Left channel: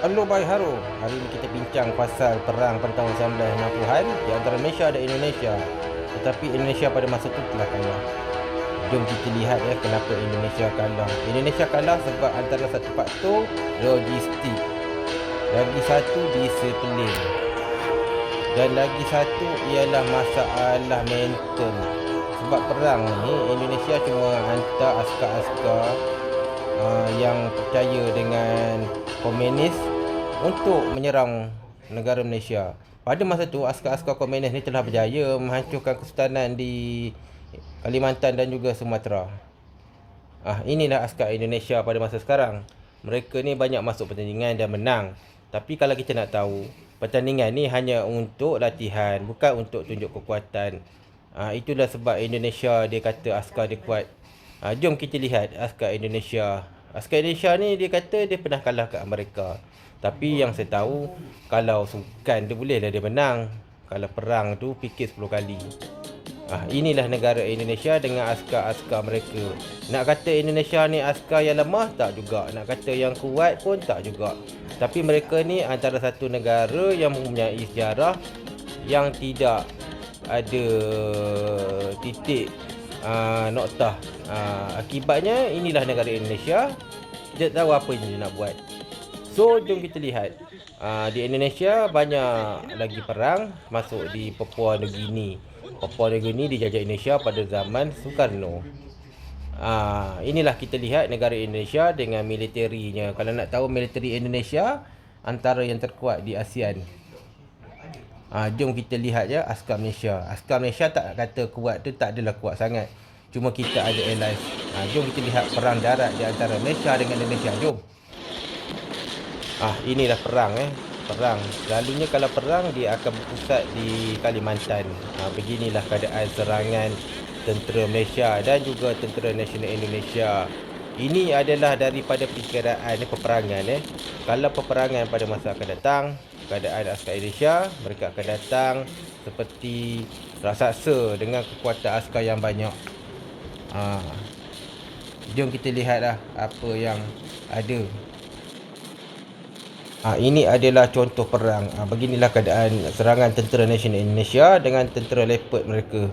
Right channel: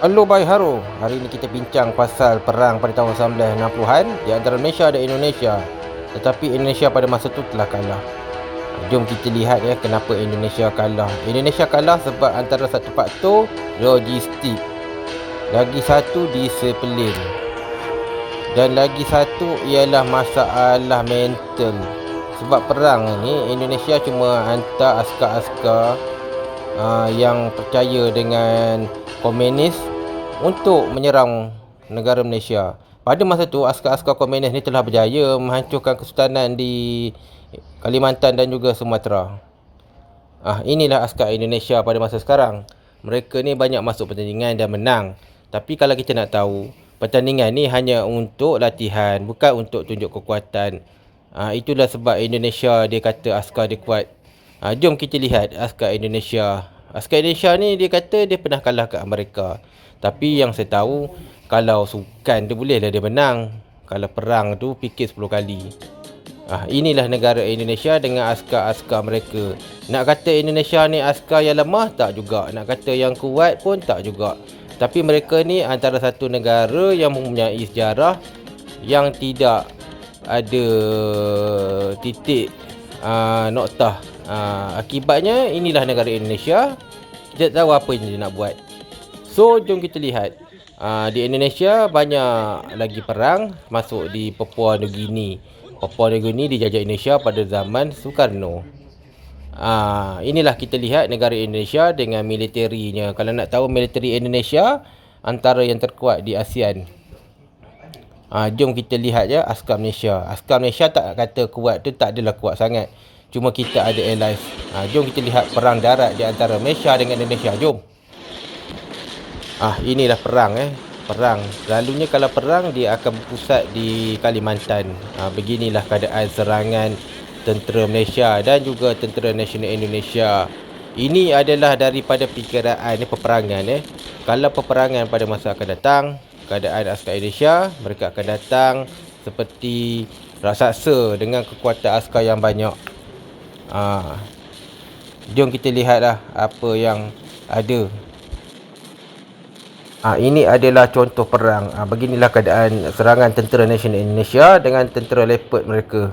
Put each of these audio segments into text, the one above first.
Halo Bhai Haro, hari ini kita bincang pasal perang pada tahun 1960-an di antara Malaysia dan Indonesia. Tetapi Indonesia pada masa itu telah kalah. Jom kita lihat kenapa Indonesia kalah. Indonesia kalah sebab antara satu faktor logistik, lagi satu disiplin, dan lagi satu ialah masalah mental. Sebab perang ni Indonesia cuma hantar askar-askar yang percaya dengan komunis untuk menyerang negara Malaysia. Pada masa itu, askar-askar komunis ni telah berjaya menghancurkan kesultanan di Kalimantan dan juga Sumatera. Inilah askar Indonesia pada masa sekarang. Mereka ni banyak masuk pertandingan dan menang. Tapi kalau kita nak tahu, pertandingan ni hanya untuk latihan, bukan untuk tunjuk kekuatan. Itulah sebab Indonesia dia kata askar dia kuat. Jom kita lihat askar Indonesia. Askar Indonesia ni dia kata dia pernah kalah kat Amerika. Tapi yang saya tahu, kalau sukan dia bolehlah dia menang. Kalau perang tu fikir 10 kali. Inilah negara Indonesia dengan askar-askar mereka. Nak kata Indonesia ni askar yang lemah, tak juga. Nak kata yang kuat pun tak juga. Tapi mereka ni antara satu negara yang mempunyai sejarah yang tidak ada titik noktah. Akibatnya inilah negara Indonesia. Tidak tahu apa yang dia nak buat. So jom kita lihat. Di Indonesia banyak lagi perang masuk di Papua New Guinea. Papua New Guinea dijajah Indonesia pada zaman Soekarno. Inilah kita lihat negara Indonesia dengan militerinya. Kalau nak tahu militeri Indonesia antara yang terkuat di ASEAN. Jom kita lihat je askar Malaysia. Askar Malaysia tak kata kuat tu, tak adalah kuat sangat. Cuma kita ada allies. Jom kita lihat perang darat di antara Malaysia dengan Indonesia. Jom. Inilah perang Perang. Selalunya kalau perang dia akan berpusat di Kalimantan. Beginilah keadaan serangan tentera Malaysia dan juga tentera nasional Indonesia. Ini adalah daripada perkiraan peperangan Kalau peperangan pada masa akan datang, keadaan askar Indonesia, mereka akan datang seperti raksasa dengan kekuatan askar yang banyak. Jom kita lihatlah apa yang ada. Ini adalah contoh perang. Beginilah keadaan serangan tentera nasional Indonesia dengan tentera leopard mereka.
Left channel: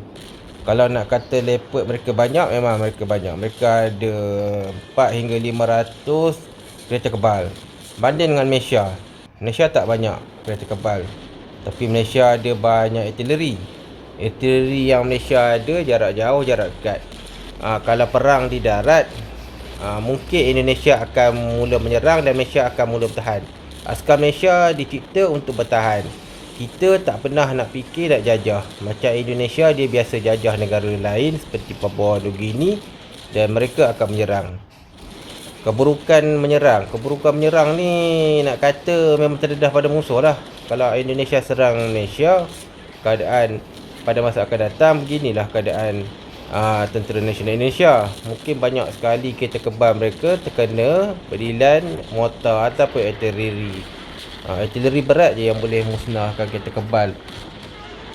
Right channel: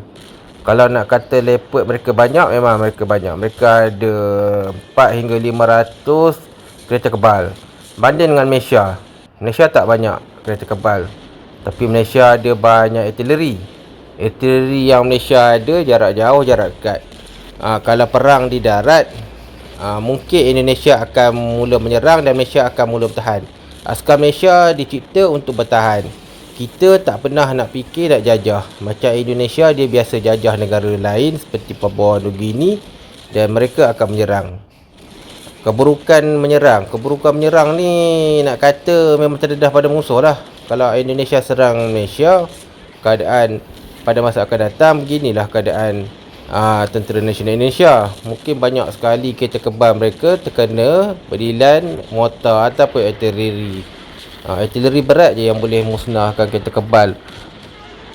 Kalau nak kata leopard mereka banyak, memang mereka banyak. Mereka ada 4 hingga 500 kereta kebal. Banding dengan Malaysia. Malaysia tak banyak kereta kebal. Tapi Malaysia ada banyak artileri. Artileri yang Malaysia ada jarak jauh, jarak dekat. Kalau perang di darat, mungkin Indonesia akan mula menyerang dan Malaysia akan mula bertahan. Askar Malaysia dicipta untuk bertahan. Kita tak pernah nak fikir nak jajah. Macam Indonesia, dia biasa jajah negara lain seperti Papua New Guinea dan mereka akan menyerang. Keburukan menyerang ni nak kata memang terdedah pada musuh lah. Kalau Indonesia serang Malaysia, keadaan pada masa akan datang beginilah keadaan tentera nasional Indonesia. Mungkin banyak sekali kereta kebal mereka terkena berilan mortar ataupun artileri. Artileri berat je yang boleh musnahkan kereta kebal.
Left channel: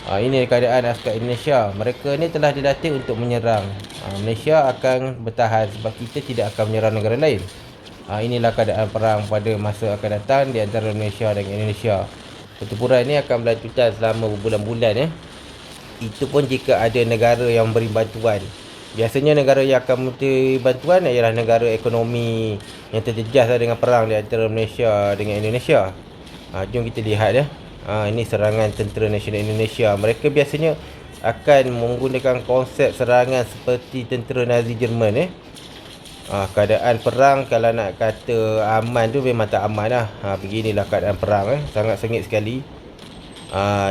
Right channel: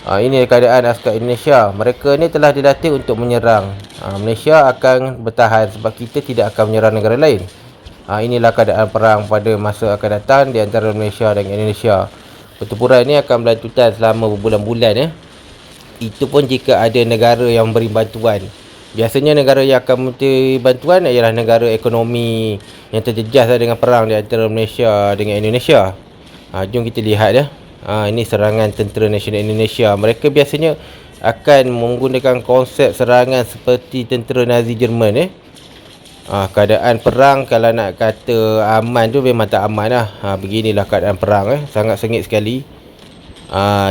Ini keadaan askar Indonesia. Mereka ni telah dilatih untuk menyerang. Malaysia akan bertahan sebab kita tidak akan menyerang negara lain. Inilah keadaan perang pada masa akan datang di antara Malaysia dan Indonesia. Pertempuran ni akan berlanjutan selama berbulan-bulan Itu pun jika ada negara yang beri bantuan. Biasanya negara yang akan memberi bantuan ialah negara ekonomi yang terjejas dengan perang di antara Malaysia dengan Indonesia. Jom kita lihat ini serangan tentera nasional Indonesia. Mereka biasanya akan menggunakan konsep serangan seperti tentera Nazi Jerman keadaan perang kalau nak kata aman tu memang tak aman lah. Beginilah keadaan perang sangat sengit sekali.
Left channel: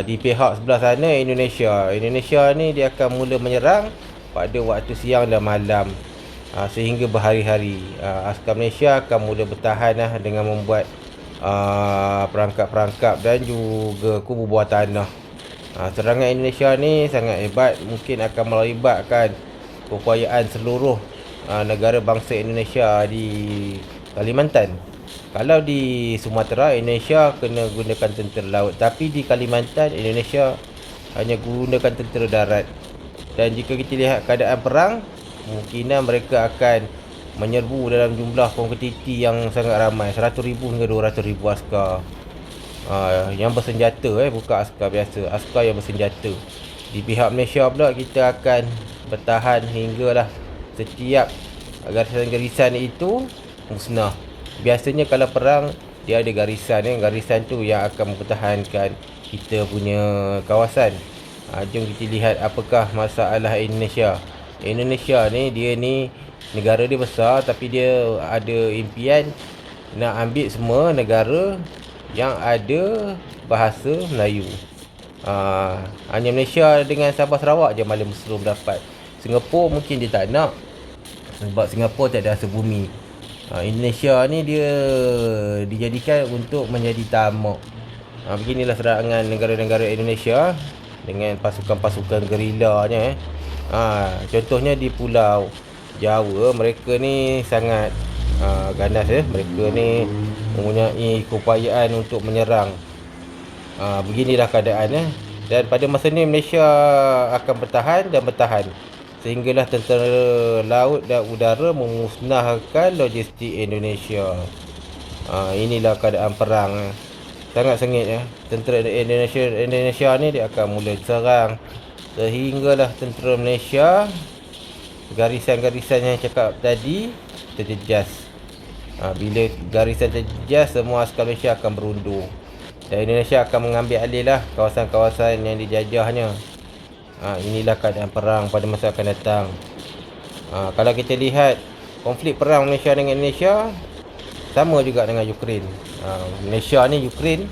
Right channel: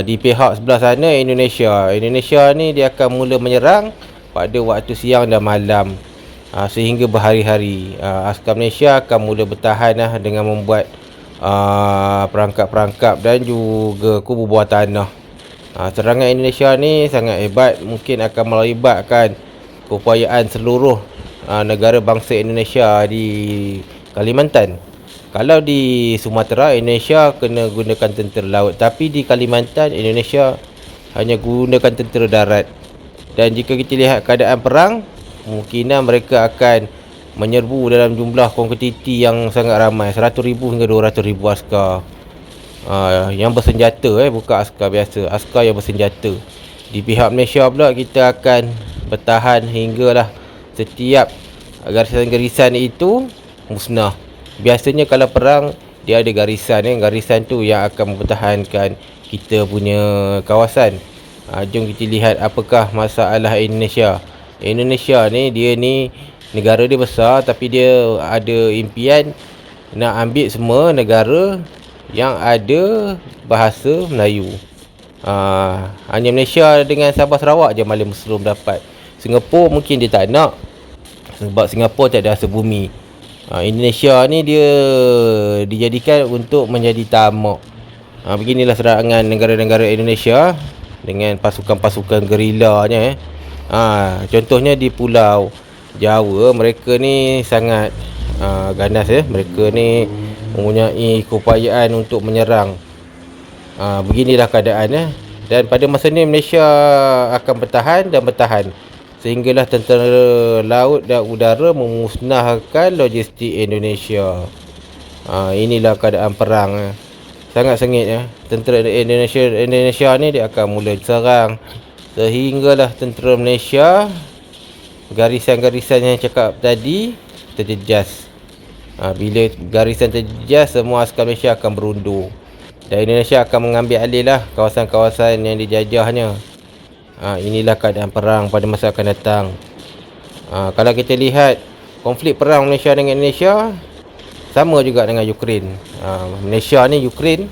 Di pihak sebelah sana Indonesia ni dia akan mula menyerang pada waktu siang dan malam sehingga berhari-hari. Askar Malaysia akan mula bertahan dengan membuat perangkap-perangkap dan juga kubu bawah tanah. Serangan Indonesia ni sangat hebat, mungkin akan melibatkan keupayaan seluruh negara bangsa Indonesia di Kalimantan. Kalau di Sumatera, Indonesia kena gunakan tentera laut. Tapi di Kalimantan, Indonesia hanya gunakan tentera darat. Dan jika kita lihat keadaan perang, kemungkinan mereka akan menyerbu dalam jumlah kuantiti yang sangat ramai, 100,000 hingga 200,000 askar yang bersenjata, bukan askar biasa, askar yang bersenjata. Di pihak Malaysia pula, kita akan bertahan hinggalah setiap garisan-garisan itu musnah. Biasanya kalau perang, dia ada garisan, garisan tu yang akan mempertahankan kita punya kawasan. Jom kita lihat apakah masalah Indonesia. Indonesia ni, dia ni negara dia besar, tapi dia ada impian nak ambil semua negara yang ada bahasa Melayu. Hanya Malaysia dengan Sabah Sarawak je malah Muslim dapat. Singapura mungkin dia tak nak, sebab Singapura tak ada asal bumi. Indonesia ni dia dijadikan untuk menjadi tamak. Beginilah serangan negara-negara Indonesia dengan pasukan-pasukan gerilanya. Contohnya di Pulau Jawa, mereka ni sangat ganas. Mereka ni mempunyai keupayaan untuk menyerang. Beginilah keadaan. Dan pada masa ni Malaysia akan bertahan dan bertahan sehinggalah tentera laut dan udara memusnahkan logistik Indonesia. Inilah keadaan perang. Sangat sengit. Tentera Indonesia ni dia akan mula serang sehinggalah tentera Malaysia, garisan-garisan yang cakap tadi, terjejas. Bila garisan terjejas, semua askar Malaysia akan berundur dan Indonesia akan mengambil alih lah kawasan-kawasan yang dijajahnya. Inilah keadaan perang pada masa akan datang. Kalau kita lihat konflik perang Malaysia dengan Indonesia, sama juga dengan Ukraine. Malaysia ni Ukraine,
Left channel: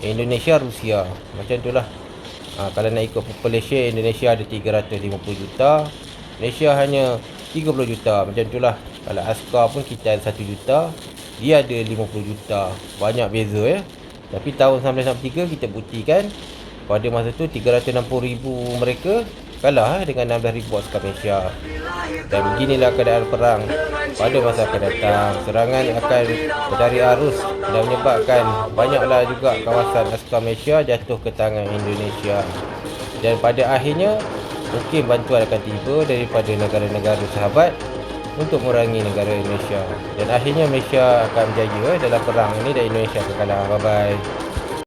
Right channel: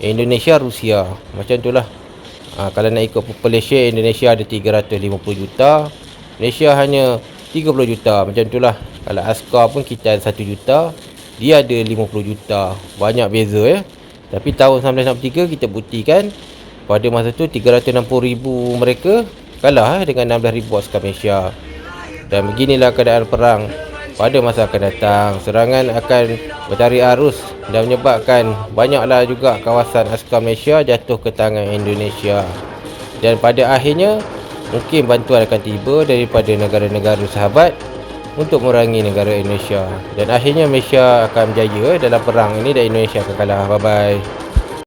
Indonesia Rusia. Macam itulah. Kalau nak ikut population, Indonesia ada 350 juta, Malaysia hanya 30 juta. Macam itulah. Kalau askar pun kita ada 1 juta, dia ada 50 juta. Banyak beza. Tapi tahun 1963 kita buktikan pada masa tu 360,000 mereka kalah dengan 16,000 askar Malaysia. Dan beginilah keadaan perang pada masa akan datang. Serangan akan bertarik arus dan menyebabkan banyaklah juga kawasan askar Malaysia jatuh ke tangan Indonesia. Dan pada akhirnya mungkin bantuan akan tiba daripada negara-negara sahabat untuk memerangi negara Indonesia. Dan akhirnya Malaysia akan berjaya dalam perang ini dan Indonesia akan kalah. Bye-bye.